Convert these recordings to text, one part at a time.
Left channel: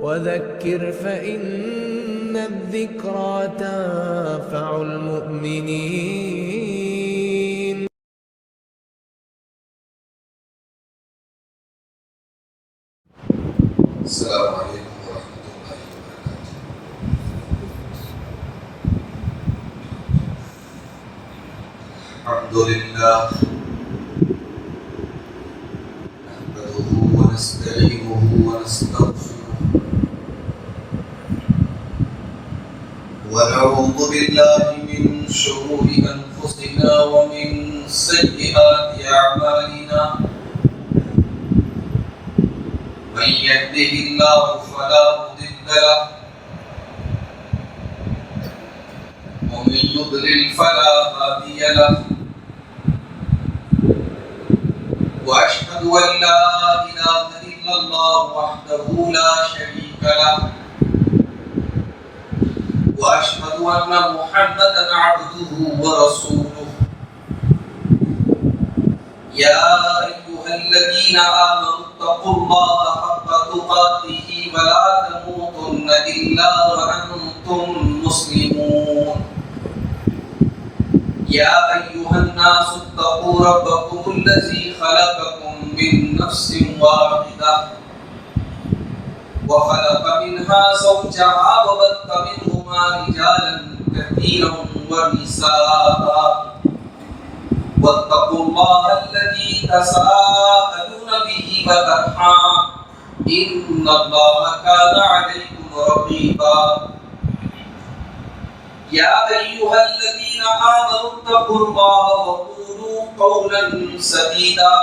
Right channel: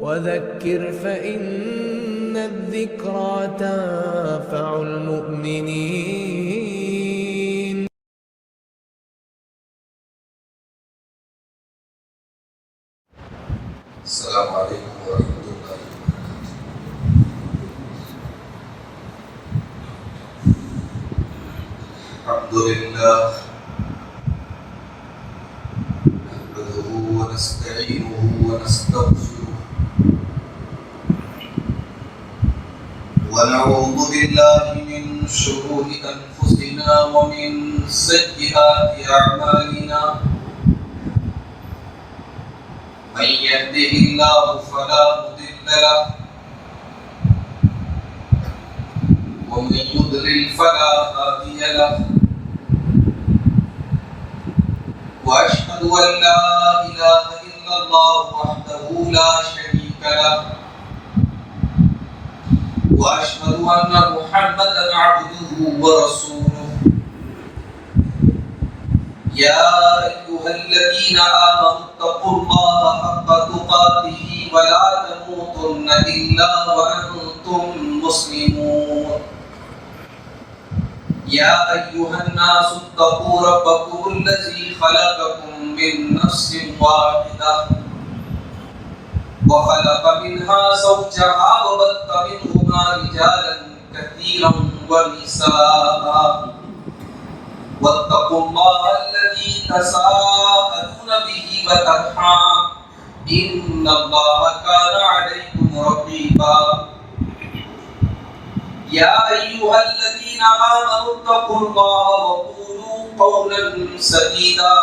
وذكر فإن الذكرى تنفع المؤمنين. السلام عليكم ورحمة الله وبركاته. الحمد لله نحمده ونستعينه ونستغفره ونعوذ بالله من شرور أنفسنا ومن سيئات أعمالنا. من يهده الله فلا مضل له ومن يضلل فلا هادي له. واشهد ان لا اله الا الله وحده لا شريك له واشهد ان محمدا عبده ورسوله. يا أيها الذين آمنوا اتقوا الله حق تقاته ولا تموتن إلا وأنتم مسلمون. يا أيها الناس اتقوا ربكم الذي خلقكم من نفس واحدة وخلق منها زوجها وبث منهما رجالا كثيرا ونساء. واتقوا الله الذي تساءلون به والأرحام إن الله كان عليكم رقيبا. يا أيها الذين آمنوا اتقوا الله وقولوا قولا سديدا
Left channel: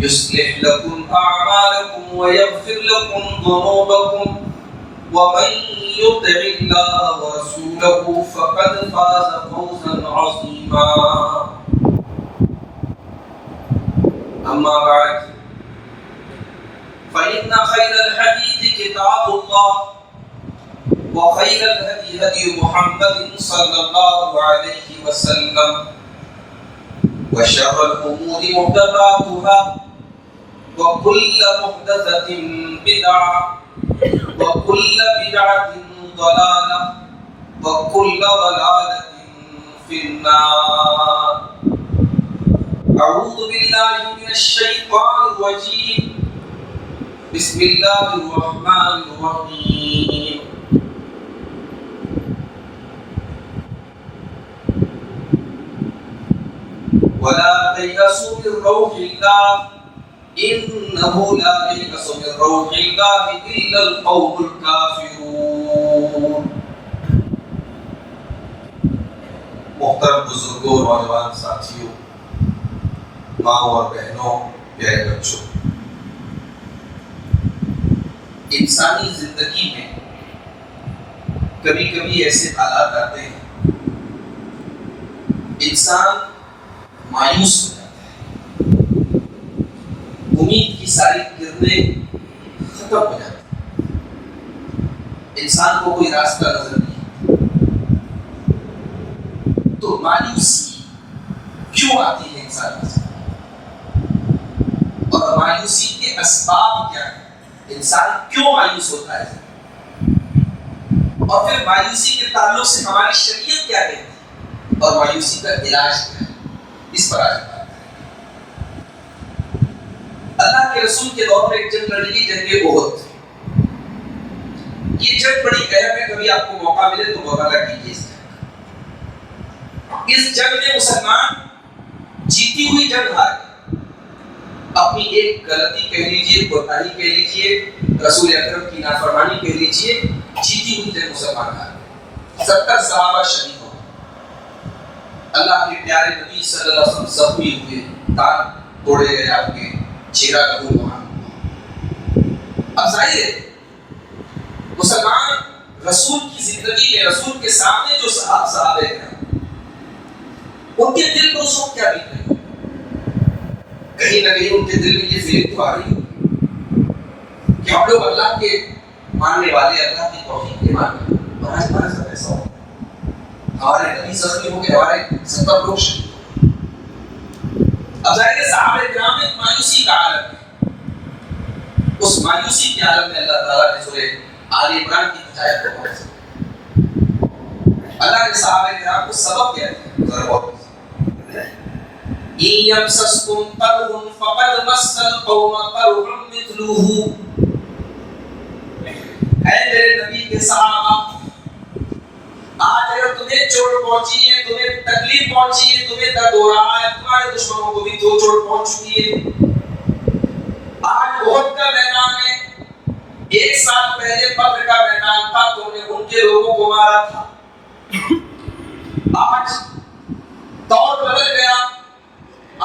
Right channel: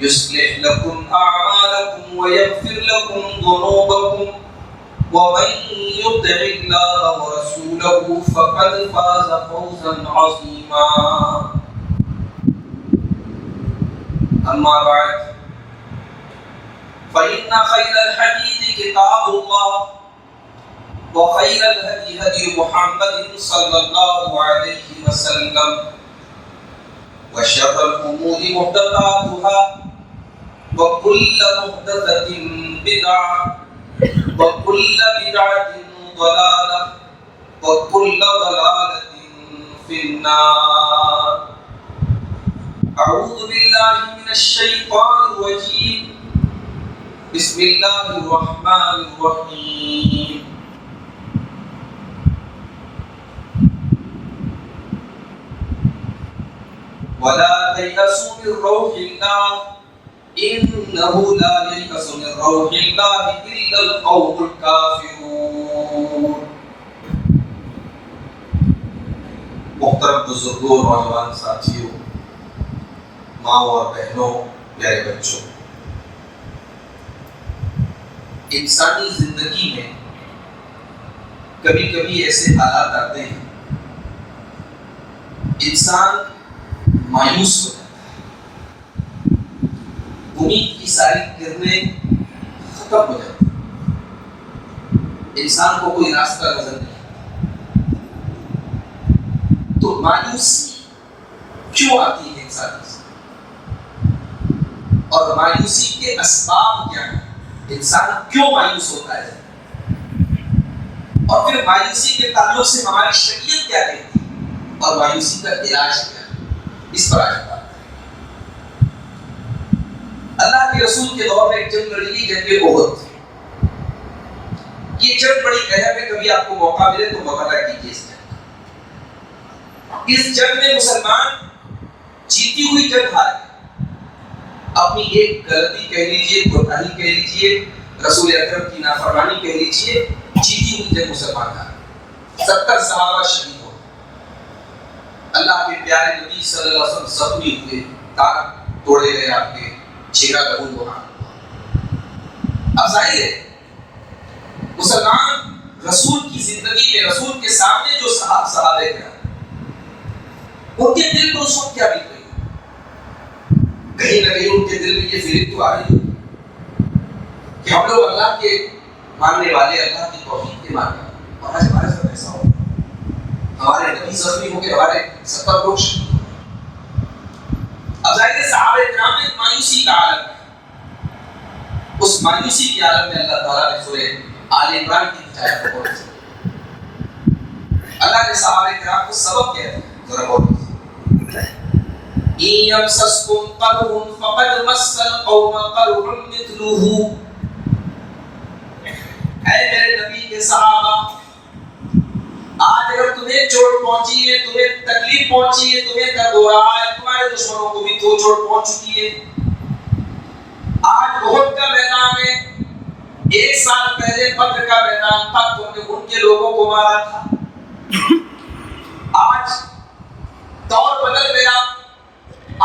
يصلح لكم أعمالكم ويغفر لكم ذنوبكم ومن يطع الله ورسوله فقد فاز فوزا عظيما. أما بعد فإن خير الحديث كتاب الله وخير الهدي هدي محمد صلى الله عليه وسلم وشر الأمور محدثاتها وكل محدثة بدعة وكل بدعة ضلالة وكل ضلالة في النار. أعوذ بالله من الشيطان الرجيم. بسم الله الرحمن الرحيم. ولا تيأسوا من روح الله إنه لا ييأس من روح الله إلا القوم الكافرون. محترم بزرگوں، نوجوان ساتھیوں، ماں اور بہنوں، پیارے بچوں، انسانی زندگی میں کبھی کبھی ایسے حالات آتے ہیں انسان مایوس ہو جاتا ہے، امید کی ساری کرنیں ختم ہو جاتی ہیں، انسان کو کوئی راستہ نظر نہیں آتا. تو مایوسی کیوں آتی ہے انسان کے ساتھ اور مایوسی کے اسباب کیا ہیں؟ انسان کیوں مایوس ہوتا ہے اور پھر مایوسی کے تعلق سے ہماری شریعت کیا کہتی ہے اور مایوسی کا علاج کیا ہے؟ اس پر آج بات ہے. اللہ کے رسول کے دور میں ایک جنگ لڑی گئی، جنگ احد. یہ جنگ بڑی اہم ہے، کبھی آپ کو موقع ملے تو مطالعہ کیجیے اس جنگ. اس جنگ میں مسلمان جیتی ہوئی جنگ ہار گئے. اپنی ایک غلطی کہہ لیجیے، کوتاہی کہہ لیجیے، رسول اکرم کی نافرمانی کہہ لیجیے، جیتی ہوئی جنگ مسلمان ہار گئے. 70 صحابہ شہید ہو گئے. اللہ کے پیارے نبی صلی اللہ علیہ وسلم زخمی ہوئے، دانت توڑے گئے، آپ کے چہرہ لہو لہان. اب ظاہر ہے مسلمان رسول کی زندگی میں، رسول کے سامنے جو صحابہ کرام، ان کے دل پر اس وقت کیا بیت رہی؟ کہیں نہ کہیں ان کے دل میں یہ فیلنگ تو آ رہی ہوگی کہ ہم لوگ اللہ کے ماننے والے، اللہ کی توحید کے ماننے والے، اور آج ہمارے ساتھ ایسا ہو، ہمارے نبی زخمی ہو کے ہمارے 70 لوگ شہید. اب ظاہر ہے صحابہ کرام میں مایوسی کا عالم ہے. اس مایوسی کے عالم میں اللہ تعالیٰ نے سورہ آل عمران کی ہدایت کو بولا. اللہ نے صحابہ کرام کو سبق کیا ہے ذرا بہت یمسسکم قرح فقد مس القوم قرح مثلہ. اے میرے نبی کے صحابہ، آج اگر تمہیں چوٹ پہنچی ہے، تمہیں تکلیف پہنچی ہے، تمہیں درد ہو رہا ہے، تمہارے دشمنوں کو بھی تو چوٹ پہنچ چکی ہے. آج احد کا میدان ہے، 1 سال پہلے بدر کا میدان تھا، تم نے ان کے لوگوں کو مارا تھا. آج دور بدل گیا،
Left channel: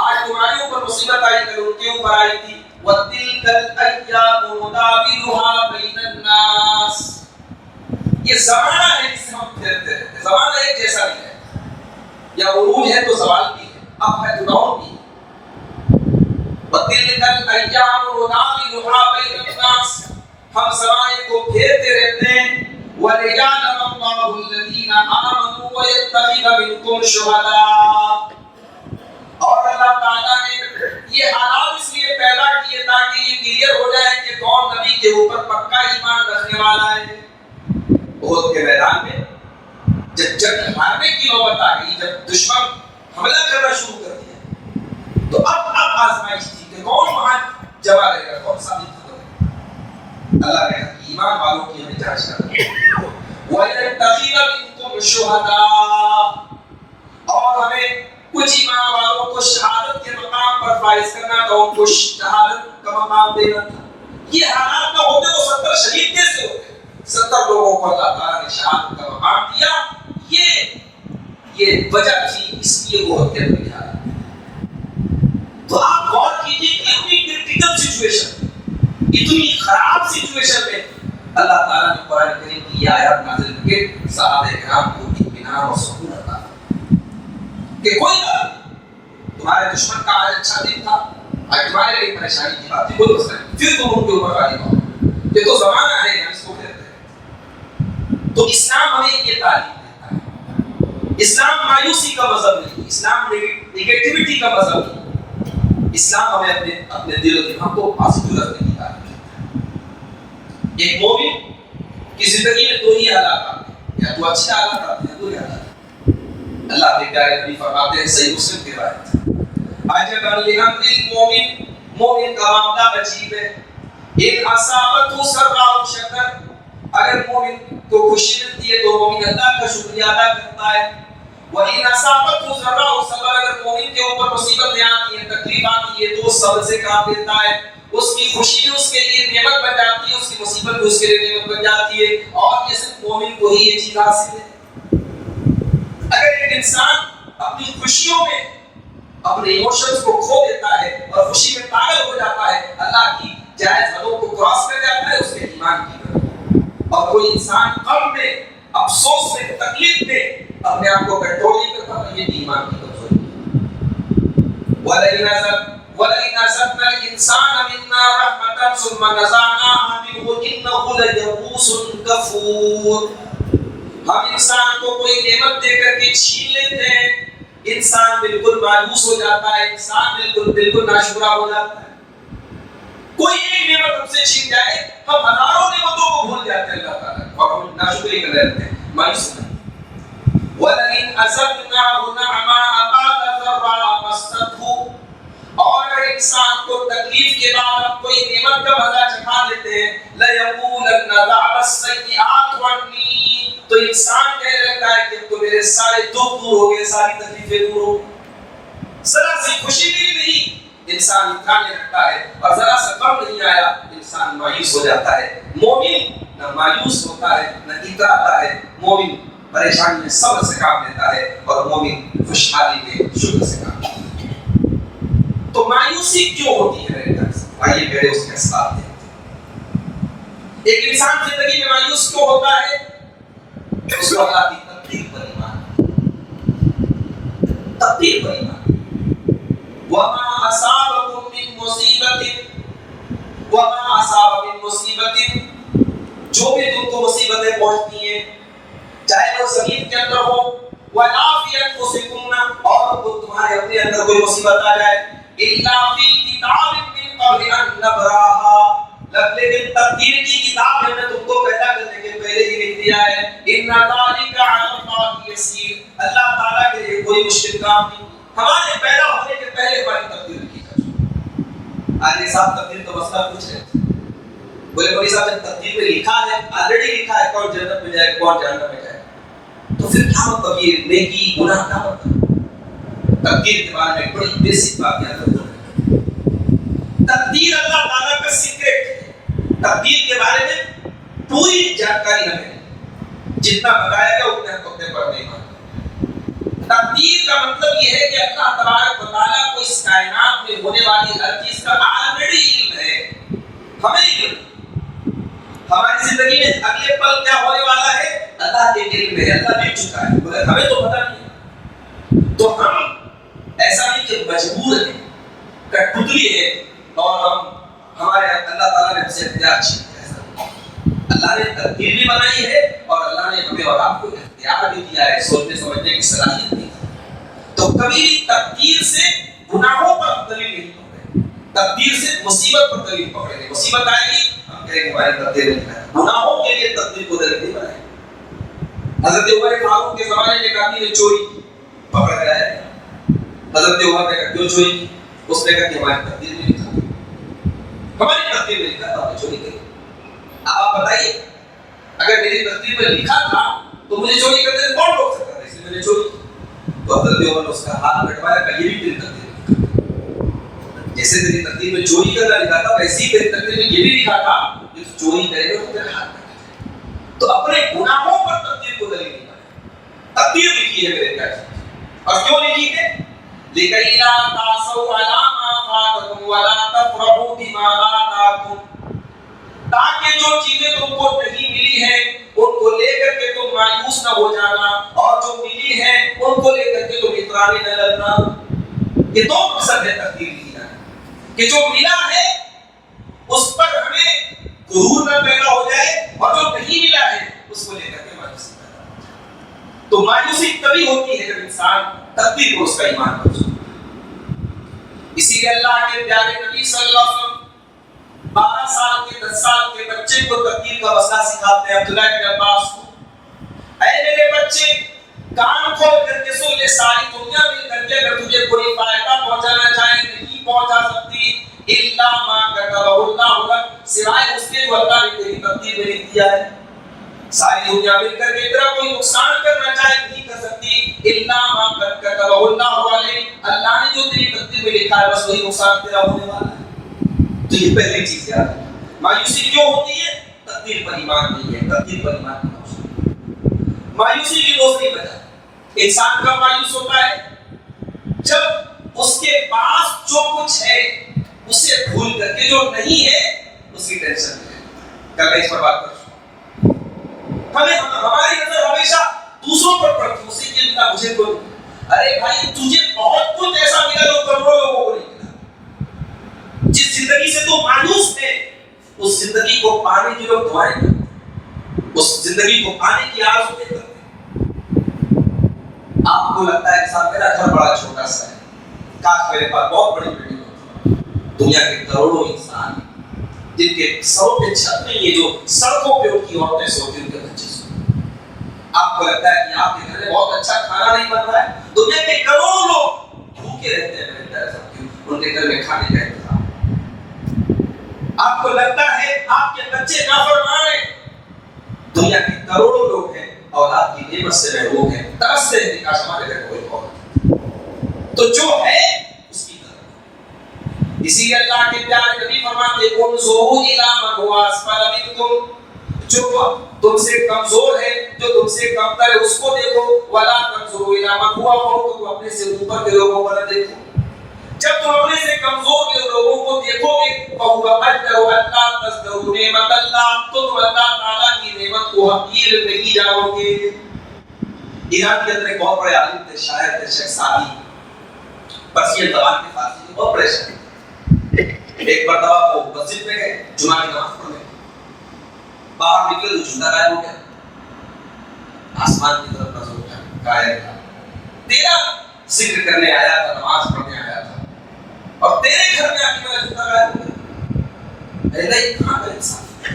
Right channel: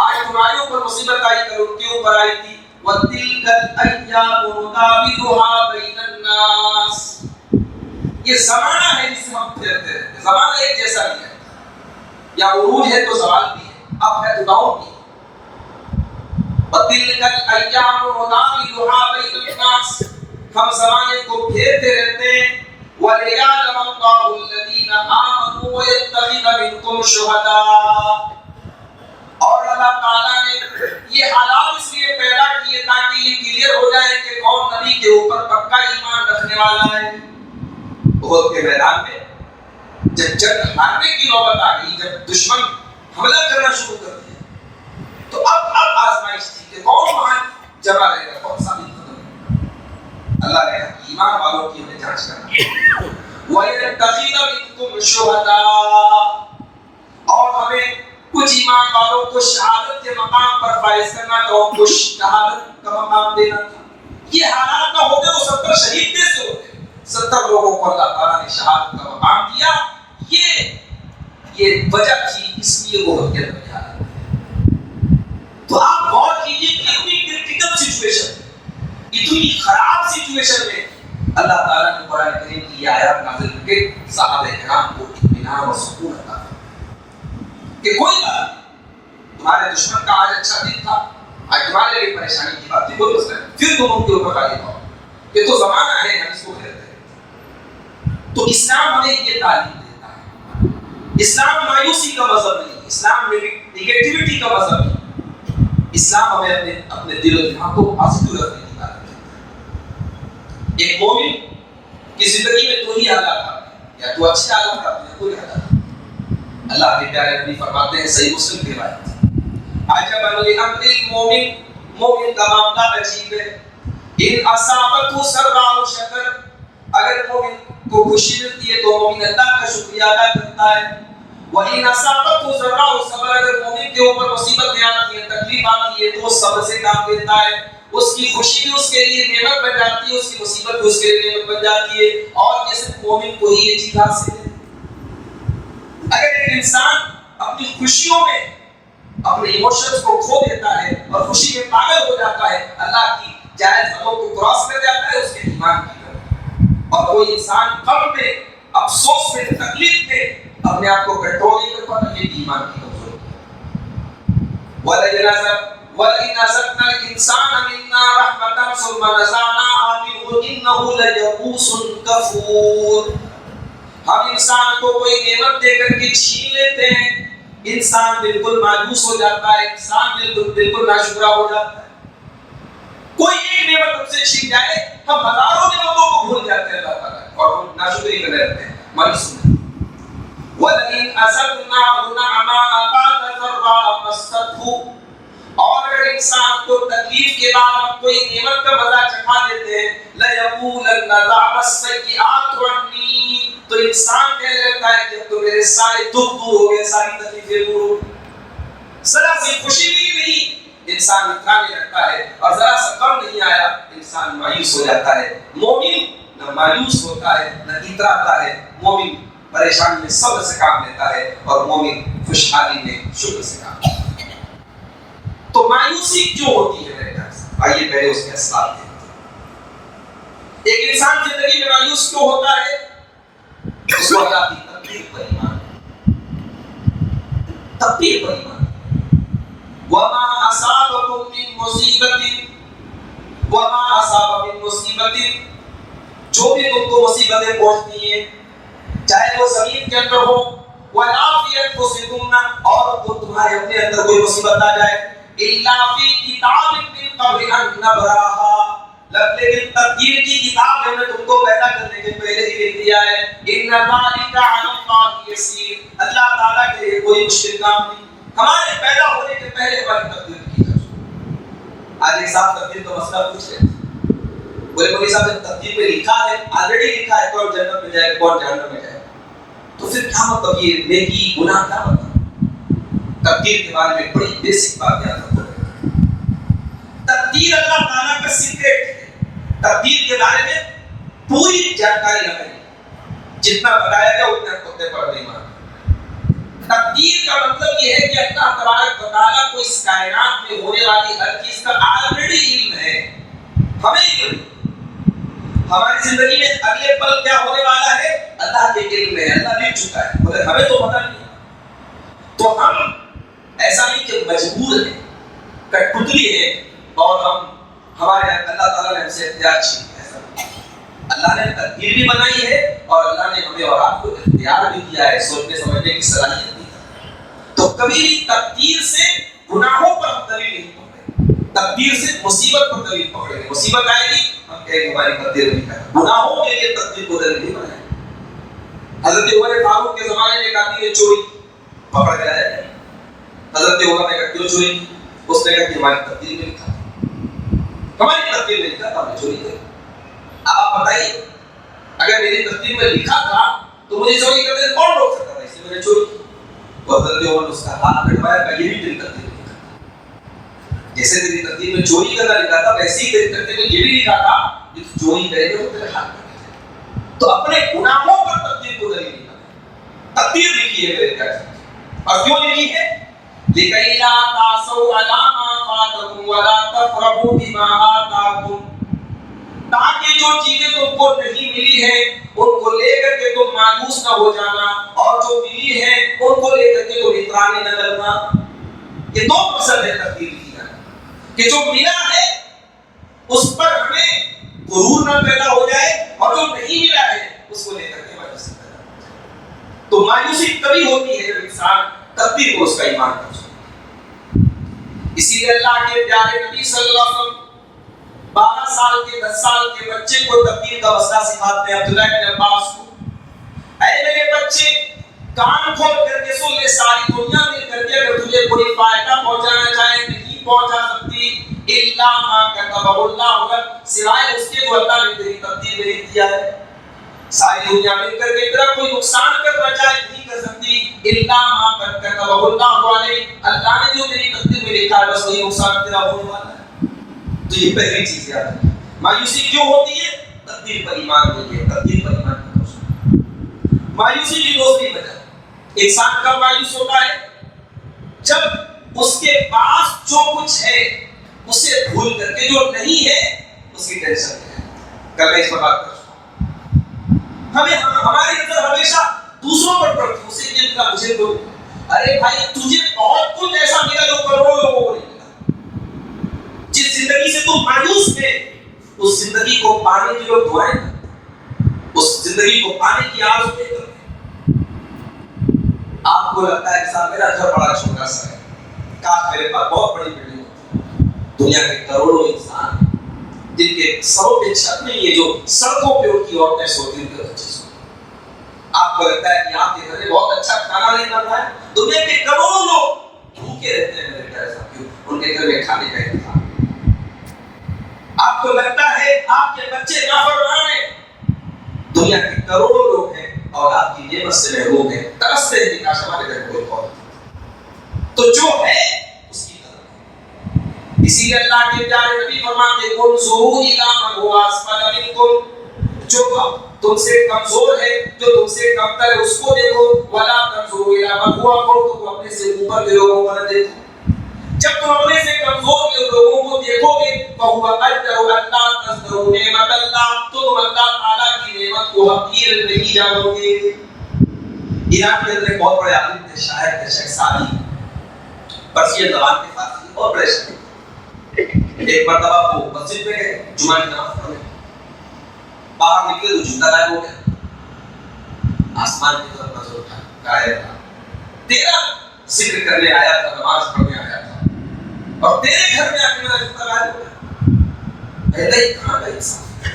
آج تمہارے اوپر مصیبت آئی، کل ان کے اوپر آئی تھی. وَتِلْكَ الْأَيَّامُ نُدَاوِلُهَا بَيْنَ النَّاسِ. یہ زمانہ ہے جس میں ہم پھرتے رہتے ہیں. زمانہ ایک جیسا نہیں ہے، یا عروج ہے تو زوال بھی ہے، اب ہے تو ڈاؤن بھی ہے. وَتِلْكَ الْأَيَّامُ نُدَاوِلُهَا بَيْنَ النَّاسِ. ہم زمانے کو پھیرتے رہتے ہیں. وَلِيَعْلَمَ اللَّهُ الَّذِينَ آمَنُوا وَيَتَّخِذَ مِنكُمْ شُهَدَاءَ. اور اللہ تعالیٰ نے یہ حالات اس لیے پیدا کیے تاکہ یہ کلیئر ہو جائے کہ کون نبی کے اوپر پکا ایمان رکھنے والا ہے. احد کے میدان میں جب جنگ ہارنے کی نوبت آ گئی، جب دشمن حملہ کرنا شروع کر دیا، تو اب آزمائش تھی کہ کون وہاں جمع رہے گا، کون ثابت کرے گا. اللہ نے کہا کہ ایمان والوں کی ہمیں جانچ کرنا. وَيَتَّخِذَ مِنكُمْ شُهَدَاءَ. اور ہمیں کچھ ایمان والوں کو شہادت کے مقام پر فائز کرنا تھا، ان کو شہادت کا مقام دینا تھا. یہ حالات نہ ہوتے تو 70 شہید کیسے ہوتے؟ 70 لوگوں کو اللہ تعالیٰ نے شہادت کا مقام دیا. یہ وجہ تھی، اس لیے وہ احد کے اندر یہ حالات. تو آپ غور کیجیے کہ اتنی کرٹیکل سچویشن، اتنی خراب سچویشن میں اللہ تعالیٰ نے قرآن کریم کی یہ آیات نازل کر کے صحابہ کرام کو اطمینان اور سکون عطا کہ کوئی بات نہیں، تمہارے دشمن کا آج اچھا دن تھا، آج تمہارے لیے پریشانی کی بات تھی، کوئی مسئلہ نہیں، پھر تم ان کے اوپر غالب ہو. یہ تو زمانہ ہے، ہم اس کو پھیرتے ہیں. تو اسلام ہمیں یہ تعلیم دیتا ہے. اسلام مایوسی کا مذہب نہیں، اسلام نیگیٹیوٹی کا مذہب نہیں. اسلام ہمیں اپنے دل و دماغ کو پازیٹو رکھنے کی تعلیم دیتا ہے. ایک مومن کی زندگی میں دو ہی حالات آتے ہیں، یا تو اچھے حالات آتے ہیں، برے حالات. اللہ کے پیارے نبی فرماتے ہیں، صحیح مسلم کی روایت، عجبا لامر المومن، مومن کا معاملہ عجیب ہے. ان اصابته سراء شکر، اگر مومن کو خوشی ملتی ہے تو مومن اللہ کا شکریہ ادا کرتا ہے. وَإِنْ أَصَابَتْهُ ضَرَّاءُ صبر، اگر مومن کے اوپر مصیبتیں آتی ہیں، تکلیف آتی ہے تو وہ صبر سے کام لیتا ہے. اس کی خوشی بھی اس کے لیے نعمت بن جاتی ہے، اس کی مصیبت بھی اس کے لیے نعمت بن جاتی ہے. اور یہ صرف مومن کو ہی یہ چیز حاصل ہے. اگر ایک انسان اپنی خوشیوں میں اپنے ایموشنز کو کھو دیتا ہے اور خوشی میں پاگل ہو جاتا ہے، اللہ کی جائز حدوں کو کراس کر جاتا ہے، اس کے ایمان کی طرف. اور کوئی انسان غم میں، افسوس میں، تکلیف میں اپنے آپ کو کنٹرول نہیں کر پاتا، یہ بھی ایمان کی کمزوری ہے. وَلَئِنْ أَذَقْنَا الْإِنسَانَ مِنَّا رَحْمَةً ثُمَّ نَزَعْنَاهَا مِنْهُ إِنَّهُ لَيَئُوسٌ كَفُورٌ. ہم انسان کو کوئی نعمت دے کر کے چھین لیتے ہیں، انسان بالکل مایوس ہو جاتا ہے، انسان بالکل ناشکرا ہو جاتا ہے. کوئی ایک نعمت ہم سے چھین جائے، ہم ہزاروں نعمتوں کو بھول جاتے ہیں اللہ تعالیٰ اور ہم ناشکری کر رہتے ہیں، مایوس نہیں. وَلَئِنْ أَذَقْنَاهُ نَعْمَاءَ بَعْدَ ضَرَّاءَ مَسَّتْهُ. اور اگر انسان کو تکلیف کے بعد ہم کوئی نعمت کا مزہ چکھا دیتے ہیں، لَيَقُولَنَّ ذَهَبَ السَّيِّئَاتُ عَنِّي، تو انسان کہنے لگتا ہے کہ تو میرے سارے دکھ دور ہو گئے، ساری تکلیفیں دور ہو گئی. ذرا سی خوشی ملی نہیں، انسان اترانے لگتا ہے، اور ذرا سا غم نہیں آیا، انسان مایوس ہو جاتا ہے. مومن نہ مایوس ہوتا ہے نہ اتراتا ہے. مومن پریشانی میں صبر سے کام لیتا ہے اور مومن خوشحالی میں شکر سے کام لیتا ہے. تو مایوسی کیوں ہوتی ہے میرے دوست؟ آئیے پہلے اس کے اسباب دیکھتے ہیں. ایک انسان زندگی میں مایوس کیوں ہوتا ہے؟ اس کو اللہ کی تقدیر پر ایمان ہے، تقدیر پر ایمان ہے. وَمَا أَصَابَكُم مِّن مُّصِيبَةٍ وَمَا أَصَابَ مِن مُّصِيبَةٍ، جو بھی تم کو مصیبتیں پہنچتی ہیں، چاہے وہ زمین کے اندر ہو، وَلَا فِي أَنفُسِكُمْ، اور تمہارے اپنے اندر کوئی مصیبت آ جائے، إِلَّا فِي كِتَابٍ مِّن قَبْلِ أَن نَّبْرَأَهَا لیکن تقدیر کی کتاب ہم نے تم کو پیدا کرنے کے پہلے ہی لکھ دیا ہے. ان ذالک علی اللہ یسیر. اللہ تعالیٰ کے لیے کوئی مشکل کام نہیں. ہمارے پیدا ہونے کے پہلے ہماری تقدیر لکھی جا چکی. آج ایک صاحب تقدیر کا مسئلہ پوچھ رہے تھے. بولے مولوی صاحب نے تقدیر میں لکھا ہے, آلریڈی لکھا ہے کون جنت میں جائے گا کون جہنم میں جائے گا, تو پھر کیا مطلب یہ نیکی گناہ کیا مطلب؟ تقدیر کے بارے میں بڑی بیسک بات یاد رکھنا ہے. تقدیر اللہ تعالیٰ کا سیکریٹ ہے. تقدیر کے بارے میں پوری جانکاری ہمیں نہیں, جتنا بتایا گیا اتنے ہم اپنے پر نہیں مانتے. تقدیر کا مطلب یہ ہے کہ اللہ تبارک و تعالیٰ کو اس کائنات میں ہونے والی ہر چیز کا آلریڈی علم ہے. ہمیں علم, ہماری زندگی میں اگلے پل کیا ہونے والا ہے اللہ کے علم میں, اللہ لکھ چکا ہے, مگر ہمیں تو پتہ نہیں ہے. تو ہم ایسا نہیں کہ مجبور ہیں, کٹپتلی ہے اور ہم ہمارے اللہ تعالیٰ نے ہم سے اختیار چھین لیا. ایسا نہیں, اللہ نے تقدیر بھی بنائی ہے اور اللہ نے ہمیں اور آپ کو اختیار بھی دیا ہے, سوچنے سمجھنے کی صلاحیت دی ہے. تو کبھی بھی تقدیر سے گناہوں پر دلیل نہیں پکڑے, تقدیر سے مصیبت پر دلیل پکڑے گے. مصیبت آئے گی ہم کہیں گے ہماری تقدیر نہیں ہے. گناہوں کے لیے تقدیر کو دلیل نہیں بنائے. حضرت عمر فاروق کے زمانے میں ایک آدمی نے چوری پکڑ کے لایا. حضرت عمر نے کہا کیوں چوری کی؟ اس نے کہا کہ ہماری تقدیر میں لکھا تھا, ہماری تقدیر میں لکھا تھا ہم نے چوری کی. آپ بتائیے اگر میری تقدیر میں لکھا تھا تو مجھے چوری کرنے سے کون روک سکتا تھا؟ اس لیے میں نے چوری کی. تو حضرت عمر نے اس کا ہاتھ کٹوایا, کہ یہ بھی تیری تقدیر میں لکھا تھا. جیسے تیری تقدیر میں چوری کرنا لکھا تھا ویسے ہی تیری تقدیر میں یہ بھی لکھا تھا کہ تو چوری کرے گا تو تیرے ہاتھ کٹے گا. تو اپنے گناہوں پر تقدیر کو دلیل نہیں بنائے. تقدیر لکھی ہے میرے پیارے, اور کیوں لکھی ہے؟ لِكَيْ لَا تَعْصَوْا عَلَىٰ مَا فَاتَكُمْ وَلَا تَفْرَحُوا بِمَا آتَاكُمْ. تاکہ جو چیزیں تم کو نہیں ملی ہیں ان کو لے کر کے تم مایوس نہ ہو جانا, اور جو ملی ہیں ان کو لے کر کے تم اطرانے نہ لگنا. یہ دو مقصد ہے تقدیر لکھنا, کہ جو ملا ہے اس پر ہمیں غرور نہ پیدا ہو جائے, اور جو نہیں ملا ہے اس کو لے کر کے مایوسی پیدا ہو جائے. تو مایوسی تبھی ہوتی ہے جب انسان تقدیر کو اس کا ایمان کر سکتا. اسی لیے اللہ کے پیارے نبی صلی اللہ علیہ وسلم 12 سال کے 10 سال کے بچے کو تقدیر کا مسئلہ سکھاتے ہیں. عبداللہ بن عباس کو, اے میرے بچے کان کھول کر کے سن لے, ساری دنیا مل کر کے اگر تجھے کوئی فائدہ پہنچانا چاہے نہیں پہنچا سکتی الا ما كتب اللہ لك, سوائے اس کے جو اللہ نے تیری تقدیر میں لکھ دیا ہے. ساری دنیا مل کر کے تیرا کوئی نقصان کرنا چاہے نہیں کر سکتی الا ما كتب اللہ علیک, اللہ نے جو تیری تقدیر میں لکھا ہے بس وہی نقصان تیرا ہونے والا ہے. تو یہ پہلی چیز یاد رکھنا. مایوسی کیوں ہوتی ہے؟ تقدیر پر ایمان نہیں ہے, تقدیر پر ایمان نہیں ہوتا. مایوسی کی دوسری وجہ, انسان کب مایوس ہوتا ہے؟ جب اس کے پاس جو کچھ ہے اسے بھول کر کے جو نہیں ہے اس کی ٹینشن ہے. کل میں اس پر بات کروں. ہماری نظر ہمیشہ دوسروں پر پڑتی ہے, اسے یہ ملا مجھے تو, ارے بھائی تجھے بہت کچھ ایسا ملا جو کروڑوں لوگوں کو نہیں ملا. جس زندگی سے تو مایوس تھے اس زندگی کو پانے کی لوگ دعائیں کرتے, اس زندگی کو پانے کی آرزویں کرتے. آپ کو لگتا ہے کہ صاحب میرا گھر بڑا چھوٹا سا ہے, کاش میرے پاس بہت بڑی بلڈنگ ہوتی. دنیا کے کروڑوں انسان جن کے سروں پہ چھت نہیں ہے, جو سڑکوں پہ ان کی عورتیں سوتی ان کے بچے سوتے. آپ کو لگتا ہے کہ آپ کے گھر میں بہت اچھا کھانا نہیں بن رہا ہے. دنیا کے کروڑوں لوگ بھوکے رہتے ہیں میرے پیارے ساتھیوں, ان کے گھر میں کھانے کا انتظام. آپ کو لگتا ہے آپ کے بچے نافرمان ہیں. دنیا کے کروڑوں لوگ ہیں اور آپ کی نعمت سے محروم ہیں, ترستے ہیں کہ کاش ہمارے گھر کوئی اور. تو جو ہے اس کی طرف. اسی لیے اللہ کے پیارے نبی فرماتے ہیں انظروا الی من هو اسفل منکم, جو تم سے کمزور ہے, جو تم سے کمتر ہے اس کو دیکھو. ولا تنظروا الی من هو فوقکم, اپنے سے اوپر کے لوگوں کو نہ دیکھو. جب تم اپنے سے کمزور کے لوگوں کو دیکھو گے فهو اجدر الا تزدروا نعمت اللہ, تو تم اللہ تعالیٰ کی نعمت کو حقیر نہیں جانو گے. ایران کے اندر ایک بہت بڑے عالم تھے, شاعر تھے, شیخ سعدی, پرسین زبان کے فارسی, بہت بڑے شاعر. ایک مرتبہ وہ مسجد میں گئے جمعہ کی نماز پڑھنے, باہر نکلے تو جوتا غائب ہو گیا. آسمان کی طرف نظر اٹھا, غائب تھا. تیرا ذکر کرنے آیا تھا, نماز پڑھنے آیا تھا, اور تیرے گھر میں آ کے میرا جوتا غائب ہو گیا. اللہ یہ کہاں کا انصاف؟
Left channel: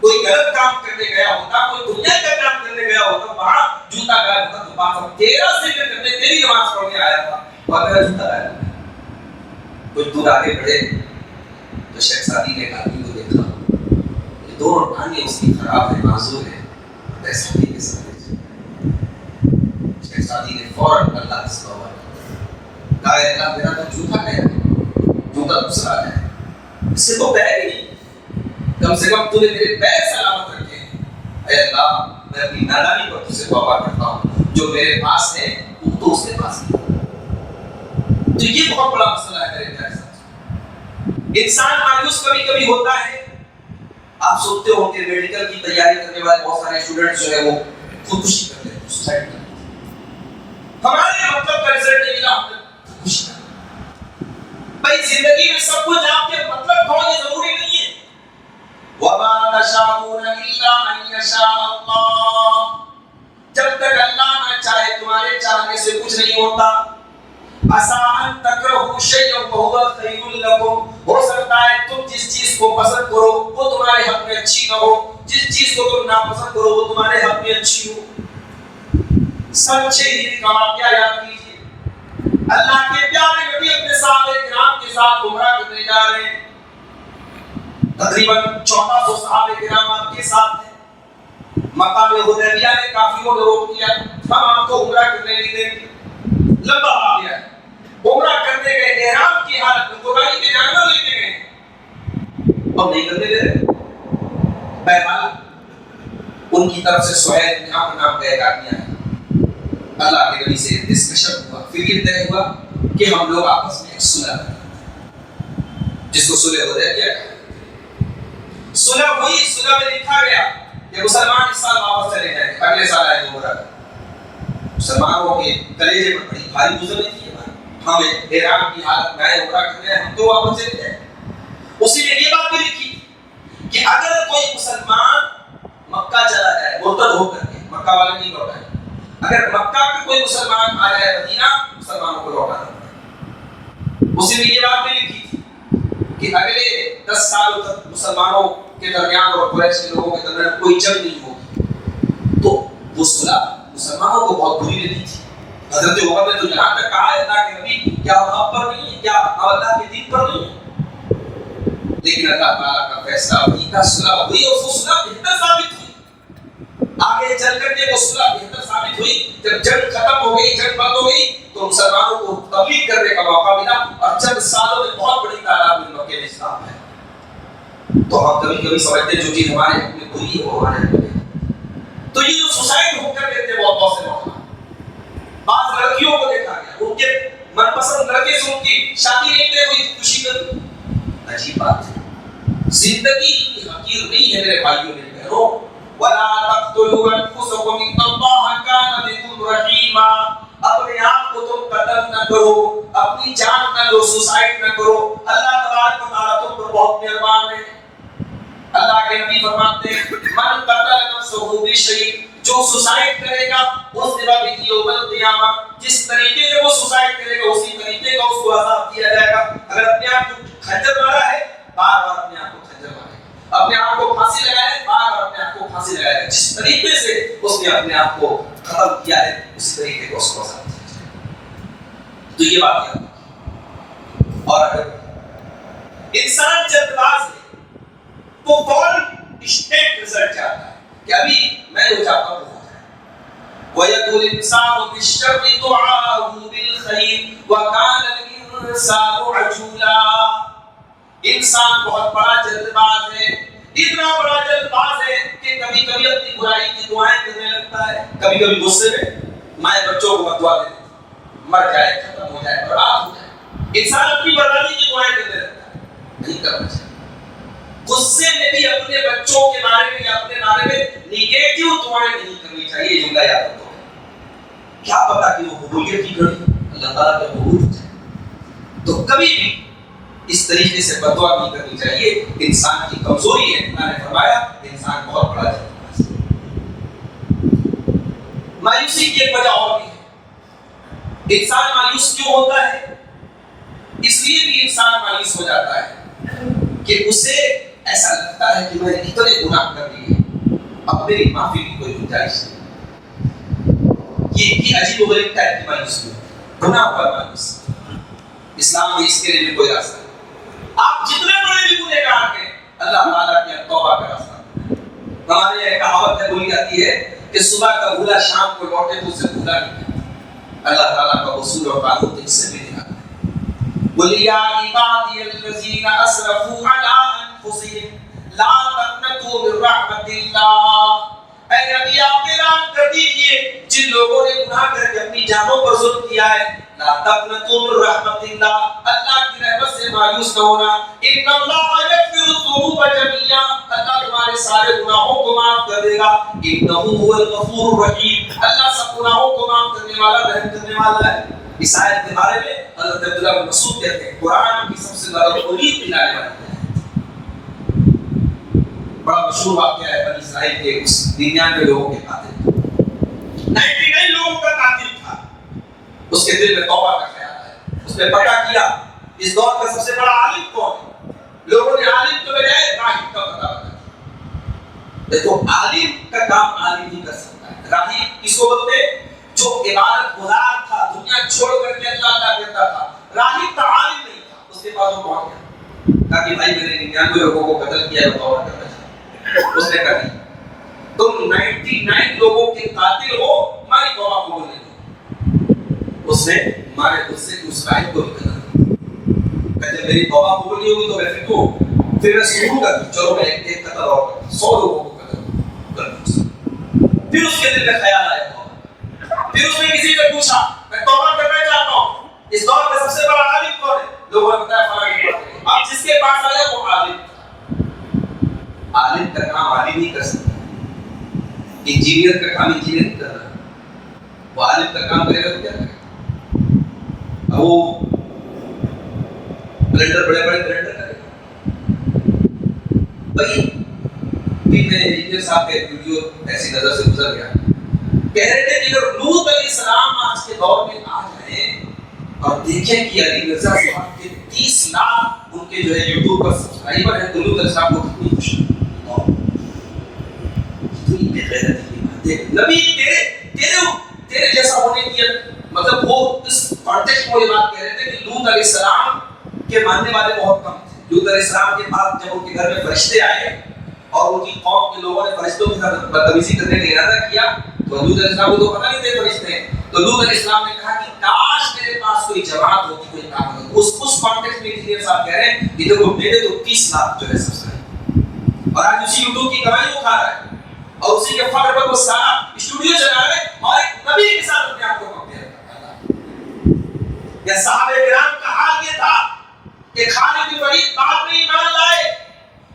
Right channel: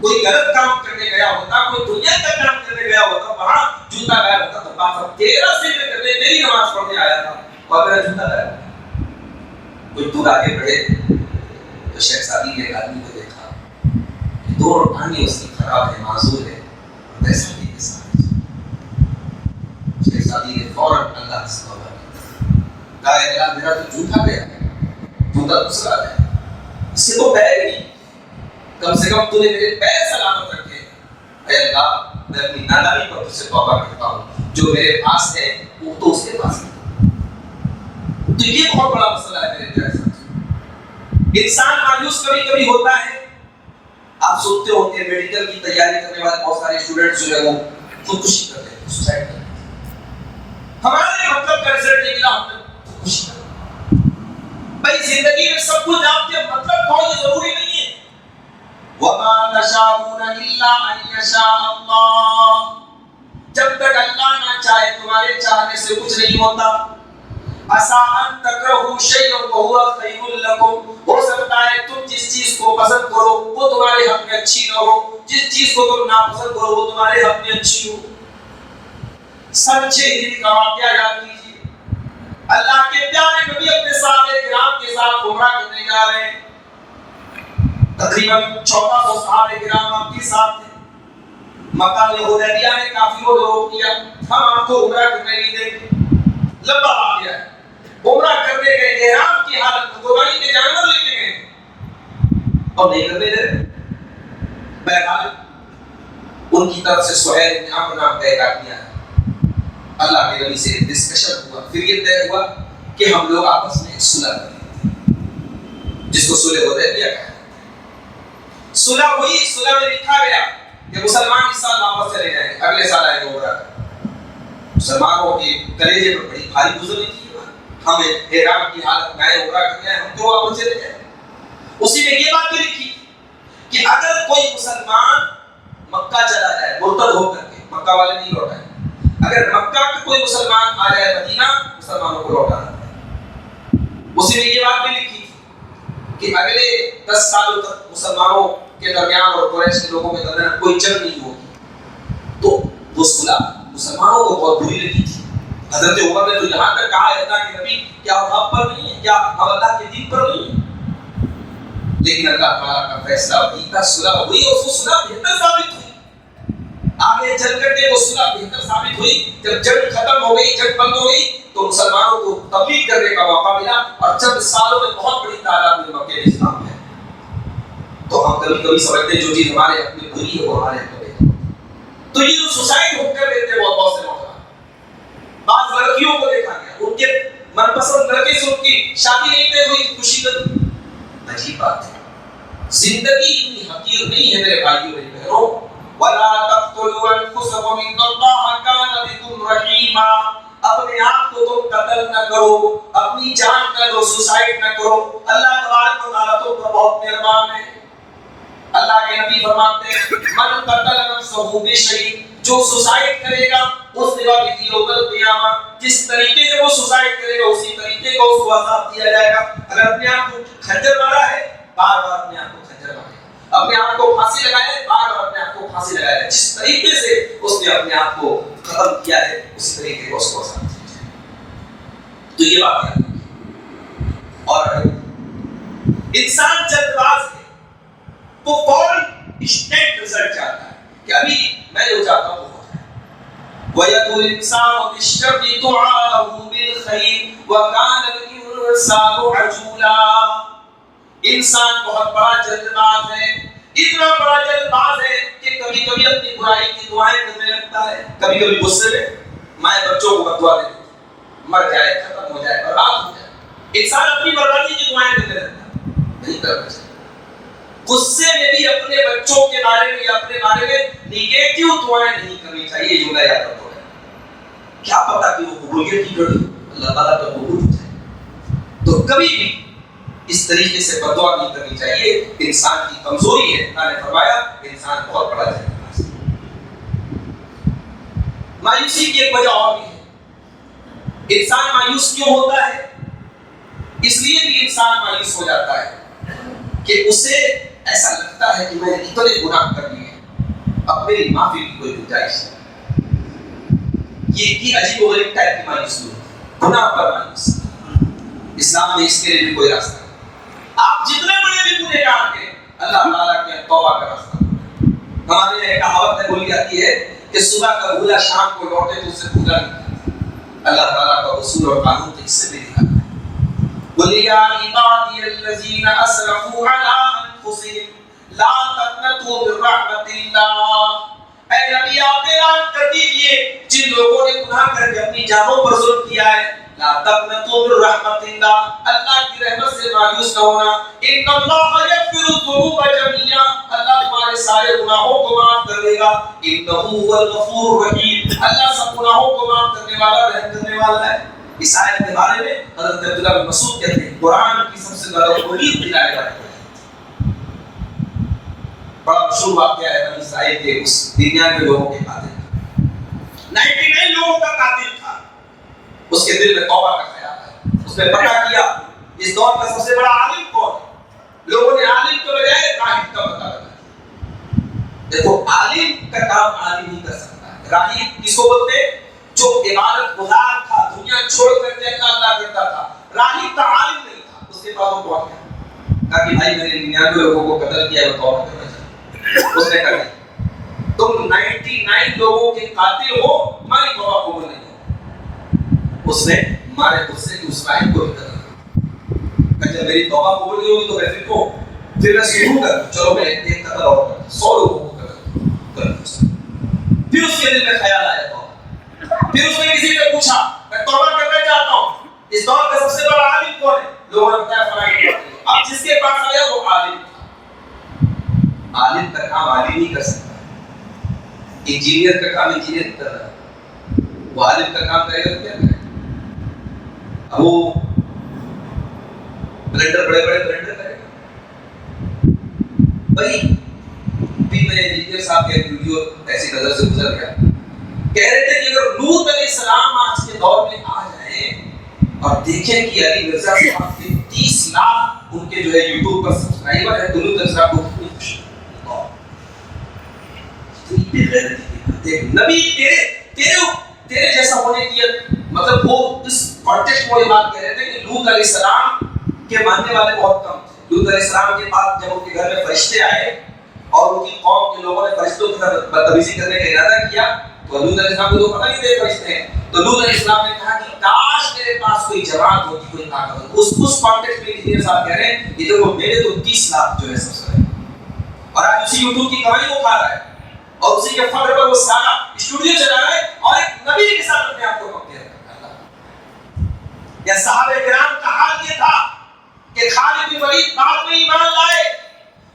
کوئی غلط کام کرنے گیا ہوتا، کوئی دنیا کا کام کرنے گیا ہوتا، وہاں جوتا غائب ہوتا تو بات تیرا ذکر کرنے، تیری نماز پڑھنے آیا تھا اور میرا جوتا غائب ہو گیا۔ کچھ دور آگے بڑھے تو شیخ سعدی نے ایک آدمی کو دیکھا کہ دو ٹانگیں اس کی خراب ہے، معذور ہے، ایسا بھی کے ساتھ شیخ سعدی نے فوراً اللہ سے توبہ کی، کہا اے اللہ میرا تو جوتا گیا ہے، جوتا دوسرا ہے، اس سے تو پیر ہی نہیں، کم سے کم تو نے میرے پیر سلامت رکھے ہیں، اے اللہ میں اپنی نادانی پر تجھ سے توبہ کرتا ہوں، جو میرے پاس ہے وہ تو اس کے پاس ہے۔ تو یہ بہت بڑا مسئلہ ہے میرے پیارے ساتھ۔ انسان مایوس کبھی کبھی ہوتا ہے، آپ سنتے ہو کہ میڈیکل کی تیاری کرنے والے بہت سارے اسٹوڈنٹس جو ہے وہ خودکشی کر لیتے ہیں، سوسائڈ کرتے ہیں۔ ہمارے مطلب کا رزلٹ نہیں ملا، ہم نے خودکشی کر لی۔ بھائی زندگی میں سب کچھ آپ کے مطلب کو یہ ضروری نہیں ہے۔ وَمَا تَشَاءُونَ إِلَّا أَن يَشَاءَ اللَّهُ، جب تک اللہ نہ چاہے تمہارے چاہنے سے کچھ نہیں ہوتا۔ عَسَىٰ أَن تَكْرَهُوا شَيْئًا وَهُوَ خَيْرٌ لَكُمْ، ہو سکتا ہے تم جس چیز کو پسند کرو وہ تمہارے حق میں اچھی نہ ہو، جس چیز کو تم ناپسند کرو وہ تمہارے حق میں اچھی ہو۔ سچے ہی کا واقعہ یاد کیجیے، اللہ کے پیارے نبی اپنے صحابہ کرام کے ساتھ عمرہ کرنے جا رہے ہیں، تقریباً 1400 صحابہ کرام آپ کے ساتھ تھے۔ مقام حدیبیہ میں کافروں نے روک دیا، ہم آپ کو عمرہ کرنے نہیں دیں گے۔ لمبا واقعہ ہے، عمرہ کرنے گئے احرام کی حالت میں قربانی کے جانور لے کے گئے اور نہیں کرنے دے رہے۔ بہرحال ان کی طرف سے سہیل بن عمرو نام کا ایک آدمی آیا، اللہ کے نبی سے ڈسکشن ہوا، پھر یہ طے ہوا کہ ہم لوگ آپس میں ایک صلح کریں، جس کو صلح حدیبیہ کہا۔ صلح ہوئی، صلح میں لکھا گیا کہ مسلمان اس سال واپس چلے جائیں گے، اگلے سال آئیں گے عمرہ۔ مسلمانوں کے کلیجے پر بڑی بھاری گزری تھی، ہم احرام کی حالت میں عمرہ کرنے ہیں، ہم کیوں واپس چلے جائیں؟ اسی میں یہ بات بھی لکھی کہ اگر کوئی مسلمان مکہ چلا جائے مرتد ہو کر کے، مکہ والے نہیں لوٹائیں، اگر مکہ کا کوئی مسلمان آ جائے مدینہ، مسلمانوں کو لوٹانا پڑے۔ اسی میں یہ بات بھی لکھی کہ اگلے 10 سالوں تک مسلمانوں کے درمیان اور قریش کے لوگوں کے درمیان کوئی جنگ نہیں ہوگی۔ تو وہ صلح مسلمانوں کو بہت بری لگی تھی۔ حضرت عمر نے تو یہاں تک کہا اللہ کے نبی کیا ہم آپ پر نہیں ہے، کیا ہم اللہ کے دین پر نہیں ہیں؟ لیکن اللہ تعالیٰ کا فیصلہ ہوئی، کا صلح ہوئی اور وہ صلح بہتر ثابت ہوئی۔ آگے چل کر کے وہ صلح بہتر ثابت ہوئی۔ جب جنگ ختم ہو گئی، جنگ بند ہو گئی، تو مسلمانوں کو تبلیغ کرنے کا موقع ملا اور چند سالوں میں بہت بڑی تعداد میں مکے میں اسلام ہے۔ تو ہم کبھی کبھی سمجھتے ہیں جو چیز ہمارے حق میں بری ہے وہ ہمارے حق میں ہے۔ تو یہ جو سوسائڈ ہو کر دیتے ہیں بہت سے موقع، بعض لڑکیوں کو دیکھا گیا ان کے من پسند لڑکے سے ان کی شادی نہیں طے ہوئی، خوشی کر دی۔ عجیب بات ہے، زندگی اتنی حقیر نہیں ہے میرے بھائیوں میری بہنوں۔ وَلَا تَقْتُلُوا أَنفُسَكُمْ إِنَّ اللَّهَ كَانَ بِكُمْ رَحِيمًا، اپنے آپ کو تم قتل نہ کرو، اپنی جان نہ لو، سوسائڈ نہ کرو، اللہ تبارک و تعالیٰ تم پر بہت مہربان ہے۔ اللہ کے نبی فرماتے ہیں من قتل نفسه بشيء، جو سوسائڈ کرے گا اس دفعہ بھی یوم القیامہ جس طریقے سے وہ سوسائڈ کرے گا اسی طریقے کا اس کو عذاب دیا جائے گا۔ اگر اپنے آپ کو خنجر مارا ہے، بار بار اپنے آپ کو خنجر مارے گا، اپنے آپ کو پھانسی لگایا ہے، بار بار اپنے آپ کو پھانسی لگائے گا۔ جس طریقے سے اس نے اپنے آپ کو ختم کیا ہے اسی طریقے کو اس کو عذاب دیا جائے گا۔ تو یہ بات ہے۔ اور انسان جلد باز ہے تو فوراً انسٹنٹ رزلٹ چاہتا ہے کہ ابھی میں جو چاہتا ہوں وہ ہو جائے۔ وَيَدْعُو الْإِنسَانُ بِالشَّرِّ دُعَاءَهُ بِالْخَيْرِ وَكَانَ الْإِنسَانُ عَجُولًا، انسان بہت بڑا جلد باز ہے، اتنا بڑا جلد باز ہے کہ کبھی کبھی اپنی برائی کی دعائیں کرنے لگتا ہے۔ کبھی کبھی غصے میں مائیں بچوں کو بددعا دے دیتی، مر جائے، ختم ہو جائے، برباد ہو جائے۔ انسان اپنی بربادی کی دعائیں کرنے لگتا ہے، نہیں کرنا چاہیے۔ غصے میں بھی اپنے بچوں کے بارے میں یا اپنے بارے میں نیگیٹو دعائیں نہیں کرنی چاہیے۔ یہ جملہ یاد رکھو، کیا پتا کہ وہ قبولیت کی گھڑی اللہ تعالیٰ کا قبول ہو جائے۔ تو کبھی بھی اس طریقے سے بددعا نہیں کرنی چاہیے، انسان کی کمزوری ہے۔ اللہ نے فرمایا انسان بہت بڑا جلد باز ہے۔ مایوسی کی ایک وجہ اور بھی ہے۔ انسان مایوس کیوں ہوتا ہے؟ اس لیے بھی انسان مایوس ہو جاتا ہے کہ اسے ایسا لگتا ہے کہ میں نے اتنے گناہ کر لیے، اب میری معافی کی کوئی گنجائش نہیں. یہ عجیب و غریب ٹائپ کی مایوسی ہے، گناہ پر مایوسی. اسلام میں اس کے لیے بھی کوئی راستہ نہیں. آپ جتنے بڑے بھی گنہگار ہیں، اللہ تعالیٰ کی توبہ کا راستہ. ہمارے یہاں کہاوت ہے، بولی جاتی ہے کہ صبح کا بھولا شام کو لوٹے تو اسے بھولا نہیں. اللہ تعالیٰ کا اصول اور قانون تو اس سے بھی دکھاتا ہے. قل یا عبادی الذین اسرفوا علی انفسہم لا تقنطوا من رحمت اللہ. اے نبی آپ اعلان کر دیجئے جن لوگوں نے گناہ کر کے اپنی جانوں پر ظلم کیا ہے، لا تقنطوا من رحمت اللہ، اللہ کی رحمت سے مایوس نہ ہونا. ان اللہ یغفر الذنوب جميعا، اللہ تمہارے سارے گناہوں کو معاف کر دے گا. انہ هو الغفور الرحیم، اللہ سب گناہوں کو معاف کرنے والا، رحم کرنے والا ہے. اس آیت کے بارے میں حضرت عبداللہ بن مسعود کہتے ہیں قرآن کی سب سے زیادہ امید دلانے والی ہے. بڑا مشہور واقعہ ہے بنی اسرائیل کے اس 99 لوگوں کے قاتل. 99 لوگوں کا قاتل تھا. اس کے دل میں توبہ کا خیال ہے. اس نے پتہ کیا اس دور کا سب سے بڑا عالم کون ہے. لوگوں نے عالم کے بجائے راہب کا پتہ بتایا. دیکھو عالم کا کام عالم ہی کر سکتا ہے. راہب کس کو بولتے ہیں؟ جو عبادت گزار تھا، دنیا چھوڑ کر کے اللہ کرتا تھا. راہب تھا، عالم نہیں تھا. اس کے پاس وہ پہنچ گیا کہا کہ بھائی میں نے 99 لوگوں کو قتل کیا ہے، توبہ کرنا چاہتا. اس نے کہا تم 99 لوگوں کے قاتل ہو، ہماری توبہ قبول نہیں ہوگی. اس نے مارے غصے کی اس راہب کو بھی قتل کیا. جب میری توبہ قبول نہیں ہوگی تو میں پھر میں شروع کر دوں، چلو میں ایک قتل اور کروں، 100 لوگوں کو قتل کروں. پھر اس کے دل میں خیال آیا توبہ. پھر اس نے کسی سے پوچھا میں توبہ کرنا چاہتا ہوں، اس دور کا سب سے بڑا عالم کون ہے؟ لوگوں نے بتایا فلاں کے پاس. اب جس کے پاس آیا وہ عالم. عالم کا کام عالم ہی کر سکتا ہے. انجینئر کا کام انجینئر کر رہا ہے، وہ عالم کا کام کرے گا تو کیا کرے گا؟ اب وہ بلینڈر بڑے بلینڈر کرے گا. بھائی بھی میں انجینئر صاحب کے ویڈیو ایسی نظر سے گزر گیا، کہہ رہے تھے کہ اگر لوط علیہ السلام آج کے دور میں آ جائیں اور دیکھیں کہ علی مرزا صاحب کے 30 لاکھ ان کے جو ہے یوٹیوب پر سبسکرائبر ہیں، تو لوط علیہ السلام کو کتنی خوشی. نبی تیرے جیسا ہونے کی مطلب وہ اس کانٹیکسٹ میں یہ بات کہہ رہے تھے کہ لوط علیہ السلام کے ماننے والے بہت کم تھے. لوط علیہ السلام کے بعد جب ان کے گھر میں فرشتے آئے اور ان کی قوم کے لوگوں نے فرشتوں کے ساتھ بدتمیزی کرنے کا ارادہ کیا تو لوط علیہ السلام کو تو پتہ نہیں تھے فرشتے ہیں. تو لوط علیہ السلام نے کہا کہ کاش میرے پاس کوئی جماعت ہوتی، کوئی طاقت ہوتی. اس کانٹیکسٹ میں انجینئر صاحب کہہ رہے ہیں کہ دیکھو میرے تو 30 لاکھ جو ہے سبسکرائبر، اور آج اسی یوٹیوب کی کمائی وہ کھا رہا ہے اور اسی کے فخر پر وہ سارا اسٹوڈیو چلا رہا ہے اور ایک نبی کے ساتھ اپنے آپ کو کمپیئر کرتا ہے. یا صحابہ کرام کا حال یہ تھا کہ خالد بن ولید بعد میں ایمان لائے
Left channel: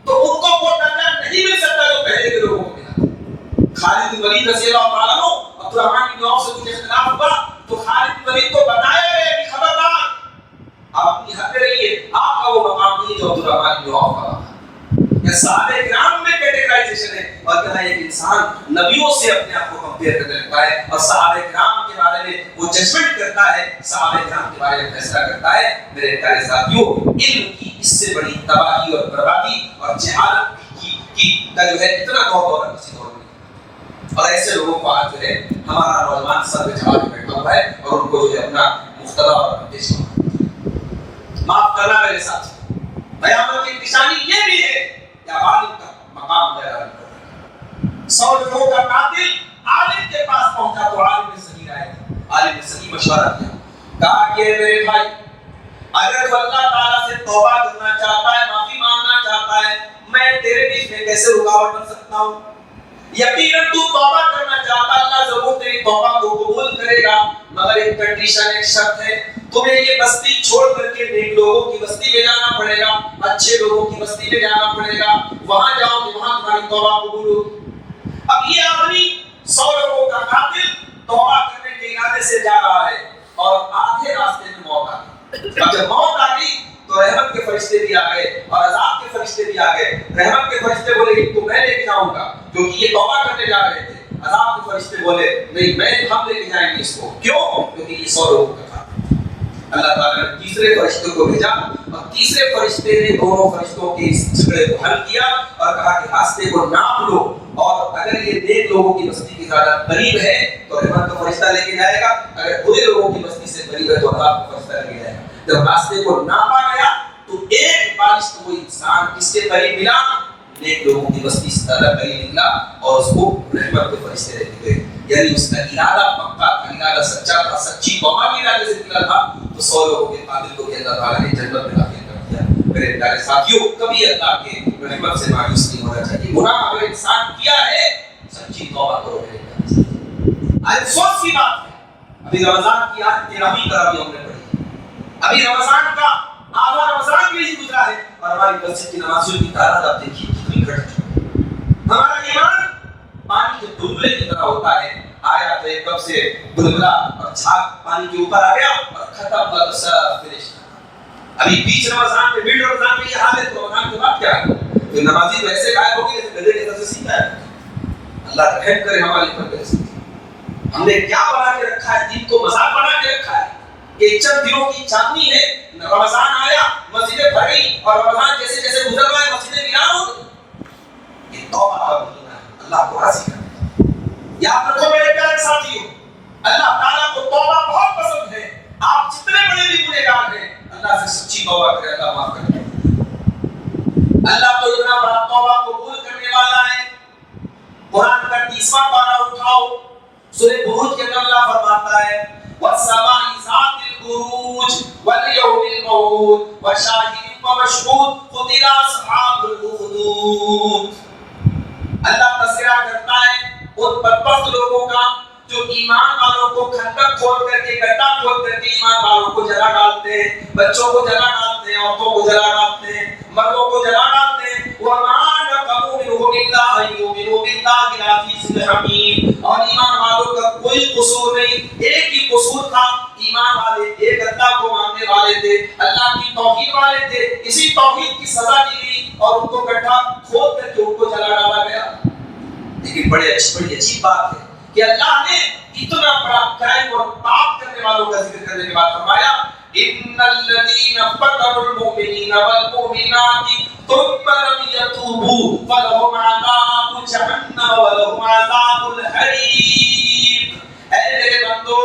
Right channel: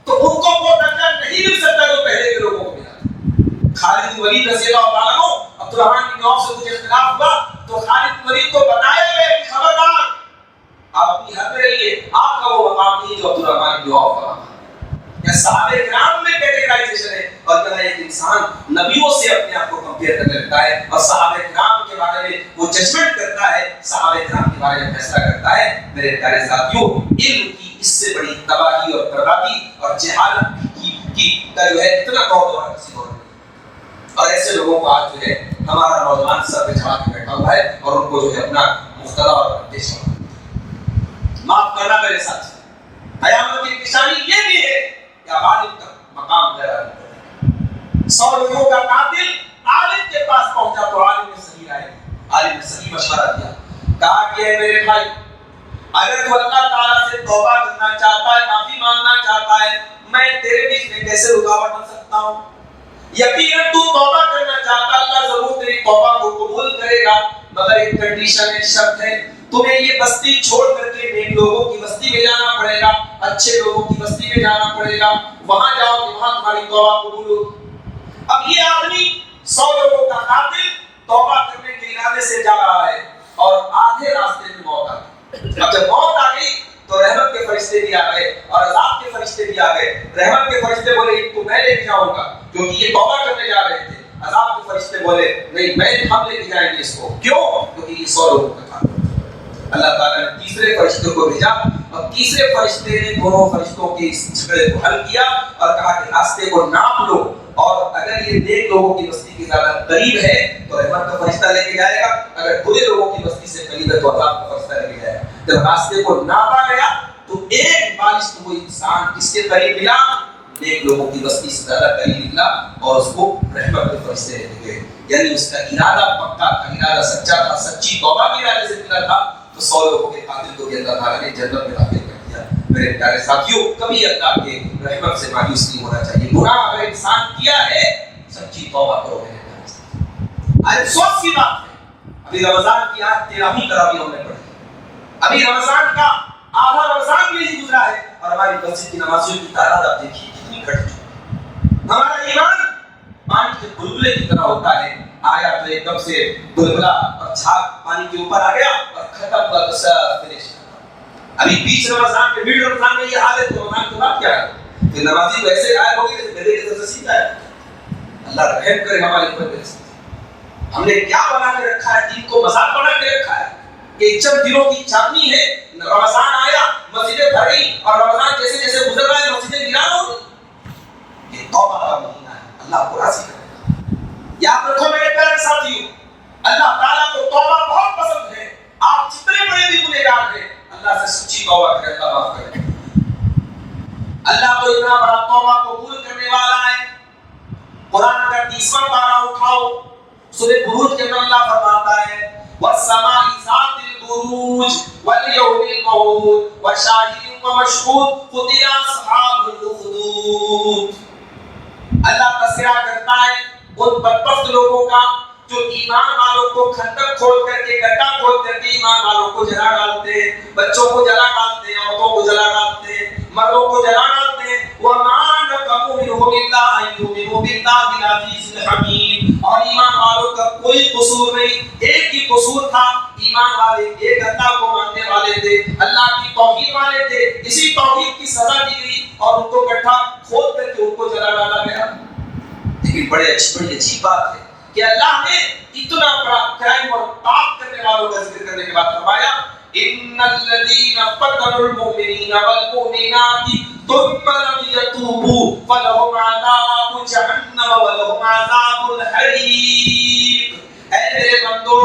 تو ان کو وہ درجہ نہیں مل سکتا جو پہلے کے لوگوں کو ملا. خالد بن ولید رضی اللہ تعالیٰ عنہ عبد الرحمن بن عوف سے کچھ اختلاف ہوا تو خالد بن ولید کو بتایا گیا کہ خبردار آپ اپنی حد میں رہیے، آپ کا وہ مقام نہیں جو عبد الرحمن بن عوف کا مقام. صحابہ کرام میں کیٹیگرائزیشن ہے اور کہا ایک انسان نبیوں سے اپنے آپ کو کمپیئر کرنے لگتا ہے اور صحابہ کرام کے بارے میں وہ ججمنٹ کرتا ہے، صحابہ کرام کے بارے میں فیصلہ کرتا ہے. میرے پیارے ساتھیوں، علم کی اس سے بڑی تباہی اور بربادی اور جہالت کی کا جو ہے اتنا دور کسی دور میں. اور ایسے لوگوں کو آج جو ہے ہمارا نوجوان سر پہ چڑھا کے بیٹھا ہوا ہے اور ان کو جو ہے اپنا مختلف اور اندیشہ معاف کرنا. میرے ساتھ قیامت کی نشانی یہ بھی ہے کہ عالم کا مقام غیر عالم. 100 لوگوں کا قاتل عالم کے پاس پہنچا تو عالم نے صحیح رائے دی، عالم نے صحیح مشورہ دیا. کہا کہ میرے بھائی اگر تو اللہ تعالیٰ سے توبہ کرنا چاہتا ہے، معافی مانگنا چاہتا ہے، میں تیرے بیچ میں کیسے رکاوٹ بن سکتا ہوں؟ یقیناً تو توبہ کرنا چاہتا، اللہ ضرور تیری توبہ کو قبول کرے گا، مگر ایک کنڈیشن، ایک شرط ہے، تمہیں یہ بستی چھوڑ کر کے نیک لوگوں کی بستی میں جانا پڑے گا، اچھے لوگوں کی بستی میں جانا پڑے گا، وہاں جاؤ کہ وہاں تمہاری توبہ قبول ہوگی. اب یہ آدمی 100 لوگوں کا قاتل توبہ کرنے کے ارادے سے جا رہا ہے اور آدھے راستے میں موت آ گئی. اب جب موت آ گئی تو رحمت کے فرشتے بھی آ گئے اور عذاب کے فرشتے بھی آ گئے. رحمت کے فرشتے بولے تو میں لے کے جاؤں گا کیونکہ یہ توبہ کرنے جا رہے تھے. عذاب کے فرشتے بولے نہیں، ہم لے کے جائیں گے اس کو. کیوں؟ کیونکہ یہ 100 لوگوں کا قاتل. اللہ تعالیٰ نے تیسرے فرشتے کو بھیجا اور تیسرے فرشتے نے دونوں فرشتوں کے اس جھگڑے کو حل کیا اور کہا کہ راستے کو ناپ لو، اور اگر یہ نیک لوگوں کی بستی کے زیادہ قریب ہے تو رحمت کا فرشتہ لے کے جائے گا، اگر برے لوگوں کی بستی سے قریب ہے تو عذاب کا فرشتہ لے کے جائے گا۔ جب راستے کو ناپا گیا تو ایک بالش وہ انسان کس کے قریب ملا؟ نیک لوگوں کی بستی سے زیادہ قریب نکلا، اور اس کو رحمت کے فرشتے لے کے گئے۔ یعنی اس کا ارادہ پکا تھا، ارادہ سچا تھا، سچی توبہ کے ارادے سے نکلا تھا، تو 100 لوگوں کے قاتل کو بھی اللہ تعالیٰ نے جنت میں داخل کر دیا۔ میرے پیارے ساتھیوں، کبھی اللہ کے رحمت سے مایوس نہیں ہونا چاہیے۔ گناہ اگر انسان کیا ہے سچی توبہ کرو میرے پیارے ساتھیوں۔ آج افسوس کی بات ہے، ابھی رمضان کی آج 13ویں تراویح ہم نے پڑھی، ابھی رمضان کا آدھا رمضان بھی نہیں گزرا ہے، اور ہماری مسجد کی نمازیوں کی تعداد آپ دیکھیے کتنی گھٹ چکی ہے۔ ہمارا ایمان پانی کے بلبلے کی طرح ہوتا ہے، آیا تو ایک دم سے بلبلا اور جھاگ پانی کے اوپر آ گیا اور ختم ہوا تو سب فنش۔ ابھی بیچ رمضان میں، مڈ رمضان میں یہ حال ہے، تو رمضان کے بعد کیا ہے؟ کہ نمازی تو ایسے غائب ہو گئے جیسے گدھے کے سر سے سیدھا ہے۔ اللہ رحم کرے ہمارے اوپر میرے ساتھ۔ ہم نے کیا بنا کے رکھا ہے؟ دین کو مذاق بنا کے رکھا ہے کہ چند دنوں کی چاندنی ہے، رمضان آیا مسجدیں بھر گئی، اور رمضان جیسے جیسے گزر رہا ہے مسجدیں ویران ہو گئی۔ یہ توبہ کا مہینہ ہے، اللہ کو راضی کرنے کا۔ یاد رکھو میرے پیارے ساتھیوں، اللہ تعالیٰ کو توبہ بہت پسند ہے۔ آپ جتنے بڑے بھی گنہگار ہیں، اللہ سے سچی توبہ کریں، اللہ معاف کرے۔ اللہ تو اتنا بڑا توبہ قبول کرنے والا ہے۔ قرآن کا 30واں پارہ اٹھاؤ، سورہ بروج کے اندر اللہ فرماتا ہے وَالسَّمَاءِ ذَاتِ الْبُرُوجِ وَالْيَوْمِ الْمَوْعُودِ وَشَاهِدٍ وَمَشْهُودٍ قُتِلَ أَصْحَابُ الْأُخْدُودِ۔ اللہ تذکرہ کرتا ہے ان بدبخت لوگوں کا جو ایمان والوں کو کھندق کھول کر کے، گڈھا کھول کر کے ایمان والوں کو جلا ڈالتے ہیں، بچوں کو جلا ڈالتے ہیں، عورتوں کو جلا ڈالتے ہیں، مردوں کو جلا ڈالتے ہیں۔ وَمَا نَقَمُوا مِنْهُمْ إِلَّا أَن يُؤْمِنُوا بِاللَّهِ الْعَزِيزِ الْحَكِيمِ۔ اور ایمان والوں کا کوئی قصور نہیں، ایک ہی قصور تھا، ایمان والے ایک اللہ کو ماننے والے تھے، اللہ کی توحید والے تھے، اسی توحید کی سزا دی گئی اور ان کو گڈھا کھود کر کے ان کو جلا ڈالا گیا۔ لیکن بڑی عجیب بات ہے کہ اللہ نے اتنا بڑا کرائم اور پاپ کرنے والوں کا ذکر کرنے کے بعد فرمایا ان الذين فتنوا المؤمنين والمؤمنات ثم لم يتوبوا فلهم عذاب جهنم ولهم عذاب الحريق۔ اے میرے بندو،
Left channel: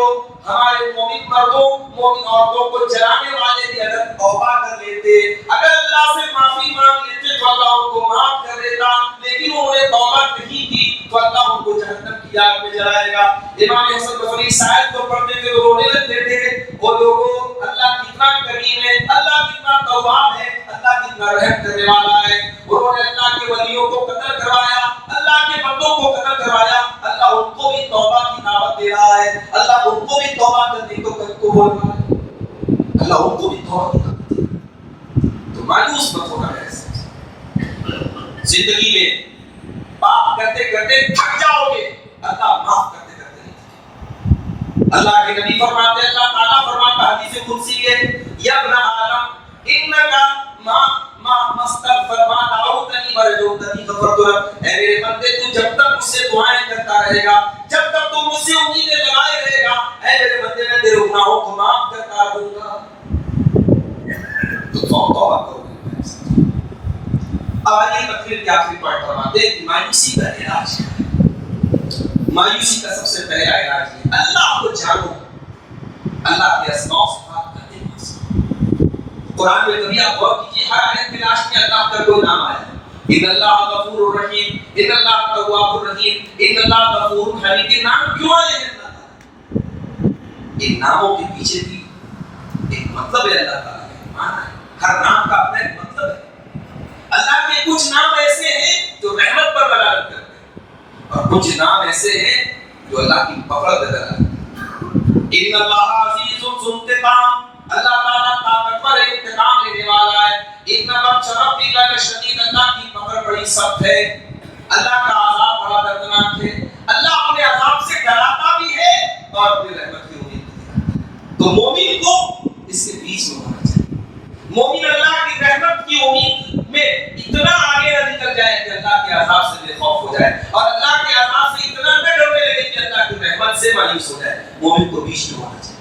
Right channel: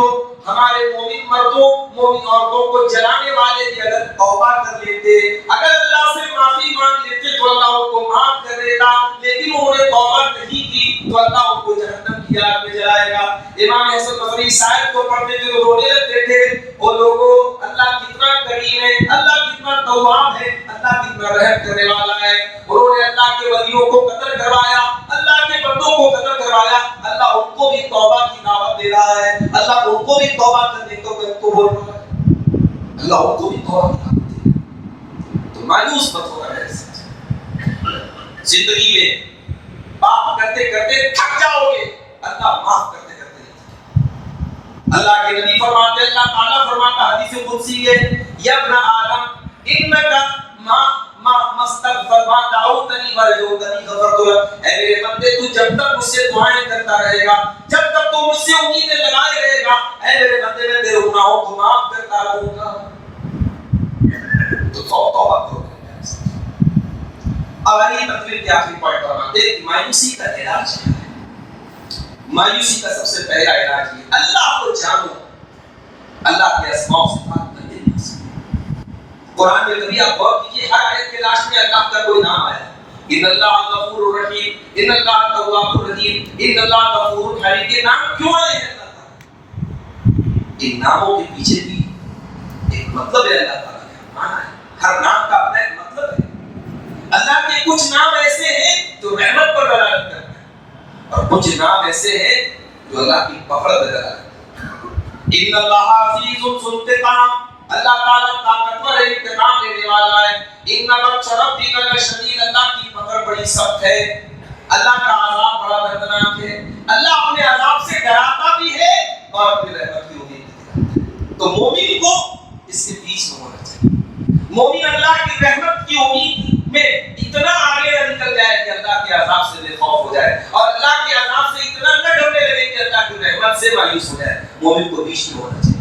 ہمارے مومن مردوں مومن عورتوں کو جلانے والے بھی اگر توبہ کر لیتے، اگر اللہ سے معافی مانگ لیتے تو اللہ ان کو معاف کر دیتا، لیکن انہوں نے توبہ نہیں کی تو اللہ ان کو جہنم کی آگ میں جلائے گا۔ امام حسن بصری اس آیت کو پڑھتے تھے تو رونے لگتے تھے، وہ لوگوں اللہ کتنا کریم ہے، اللہ کتنا تواب ہے، اللہ کتنا رحم کرنے والا ہے۔ انہوں نے اللہ کے ولیوں کو قتل کروایا، اللہ کے بندوں کو قتل کروایا، اللہ ان کو بھی توبہ کی دعوت دے رہا ہے، اللہ ان کو بھی توبہ کرنے کو بول رہا ہے، اللہ ان کو بھی توبہ کی دعوت دے رہا ہے۔ تو مایوس مت ہونا میرے ساتھ، زندگی میں پاپ کرتے کرتے تھک جاؤ گے، اللہ معاف کرتے کرتے نہیں تھکے۔ اللہ کے نبی فرماتے ہیں، اللہ تعالیٰ فرماتا حدیث قدسی ہے یا ابن آدم انکا ما مستغفر ما دعوتنی ورجوتنی غفرت لک۔ اے میرے بندے، تو جب تک مجھ سے دعائیں کرتا رہے گا، جب تک تو مجھ سے امیدیں لگائے رہے گا، اے میرے بندے میں تیرے گناہوں کو معاف کرتا رہوں گا۔ تو توبہ کرو۔ اب آئیے تقریر کے آخری پوائنٹ پر آتے ہیں کہ مایوسی کا علاج کیا ہے۔ مایوسی کا سب سے پہلا علاج یہ اللہ کو جانو، اللہ کے اسماء و صفات کا دل بسو۔ قرآن میں کبھی آپ غور کیجیے، ہر آیت کے لاسٹ میں اللہ کا کوئی نام آیا، ان اللہ غفور الرحیم، ان اللہ تواب الرحیم، ان اللہ غفور حلیم۔ یہ نام کیوں آئے ہیں اللہ تعالیٰ؟ ان ناموں کے پیچھے بھی ایک مطلب ہے، اللہ تعالیٰ کا معنی ہے، ہر نام کا اپنا ایک مطلب ہے۔ اللہ کے کچھ نام ایسے ہیں جو رحمت پر دلالت کرتے ہیں، اور کچھ نام ایسے ہیں جو اللہ کی نفرت پر دلالت کرتے ہیں۔ ان اللہ عزیز ذو انتقام، اللہ تعالیٰ طاقتور ہے، انتقام لینے والا ہے۔ ان بطش ربک لشدید، اللہ کی پکڑ بڑی سخت ہے، اللہ کا عذاب بڑا دردناک ہے۔ اللہ اپنے عذاب سے ڈراتا بھی ہے اور اپنی رحمت کی امید بھی دلاتا ہے۔ تو مومن کو اس کے بیچ میں ہونا چاہیے۔ مومن اللہ کی رحمت کی امید میں اتنا آگے نہ نکل جائے کہ اللہ کے عذاب سے بے خوف ہو جائے، اور اللہ کے عذاب سے اتنا نہ ڈرنے لگے کہ اللہ کی رحمت سے مایوس ہو جائے۔ مومن کو بیچ میں ہونا چاہیے۔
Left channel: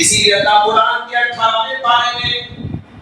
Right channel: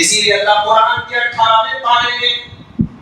اسی لیے اللہ قرآن کے 18ویں پارے میں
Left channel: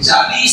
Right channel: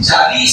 40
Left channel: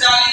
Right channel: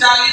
40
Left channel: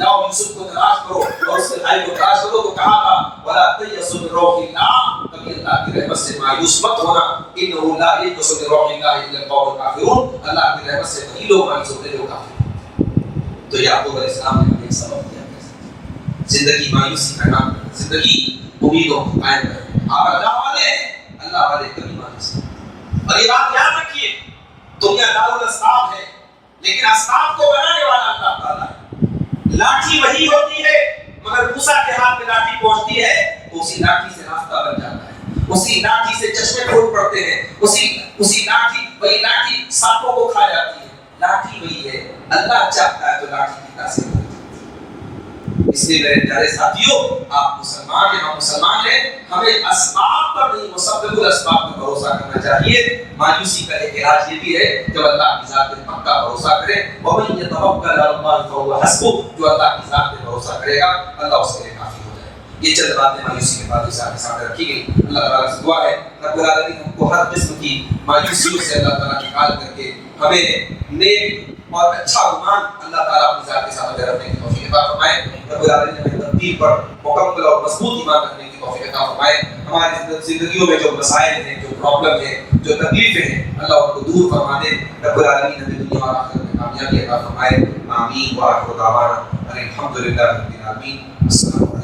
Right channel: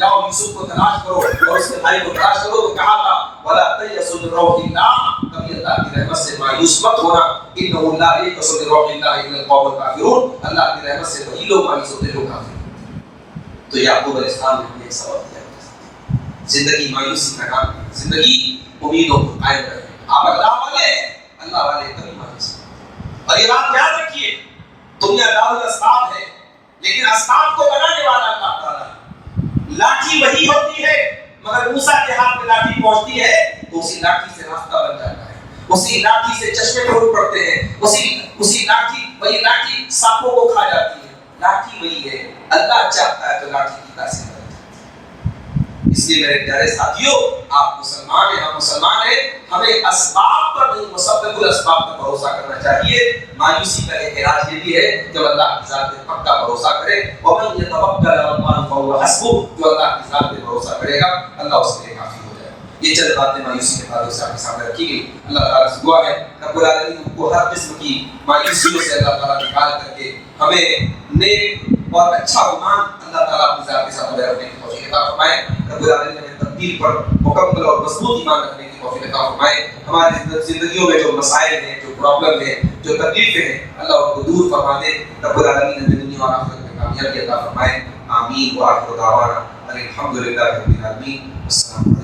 جاؤ یوسف کو تلاش کرو اور اس کے بھائی کو تلاش کرو. تو کہا تھا ولا تیأسوا من روح اللہ, کبھی اللہ کی رحمت سے مایوس مت ہونا. انه لا ییأس من روح اللہ الا القوم الکافرون, اللہ کی رحمت سے وہی لوگ مایوس ہوتے ہیں جو کافر. تو یعقوب علیہ السلام نے ہمیں ایک سبق دیا, زندگی مایوسی کا نام نہیں, زندگی امیدوں کو قائم رکھیں. آپ اللہ والے ہیں, اللہ والے کبھی مایوس نہیں. اور یہ بات یاد رکھیے, دنیا دار الاسباب ہے لیکن اسباب کو بنانے والا اللہ تعالیٰ ہے. لاٹھی وہی ہوتی ہے مگر موسیٰ کے ہاتھ میں لاٹھی پہنچتی ہے تو اسی لاٹھی سے راستہ بن جاتا ہے, اسی لاٹھی سے چشمے پھوٹ پڑتے ہیں, اسی لاٹھی وہی لاٹھی سانپوں کو کھا جاتی ہے. لاٹھی وہی ہے, اللہ چاہتا ہے تو لاٹھی کی تاثیر بن جاتی ہے. اس لیے میرے پیارے ساتھیوں, آپ مسلمان ہیں, ہم مسلمان ہیں, ہمیں اسباب پر نہیں مسبب الاسباب پر بھروسہ کرنا چاہیے. مایوسی کا ایک علاج یہ بھی ہے جب اللہ کی ذات پہ پکا بھروسہ کرے. وَمَن يَتَوَكَّلْ عَلَى اللَّهِ فَهُوَ حَسْبُهُ, جو اللہ کی ذات پہ بھروسہ کرے گا اللہ اس کے لیے کافی ہو جائے گا. یہ چند باتیں مایوسی کے بعد سے آپ کے سامنے رکھی گئی. اللہ تعالیٰ سے دعا ہے رب العالمین ہم کو ہر قسم کی مایوسیوں سے اللہ تعالیٰ نکال کر کے ہمیں نیک اور اچھا گمان اللہ تعالیٰ اپنی ذات کے ساتھ رکھنے کی توفیق عطا فرمائے. رب العالمین ہمیں تقدیر پر مکمل اور مضبوط ایمان رکھنے کی توفیق عطا فرمائے. ہماری زندگیوں میں جو مسائل ہیں, جو پرابلم ہیں, جو تکلیفیں ہیں, اللہ ان کو دور فرما دے. رب العالمین ہمیں دنیا اور آخرت میں کامیابی عطا فرمائے. آمین. وآخر دعوانا الحمد للہ رب العالمین. السلام علیکم.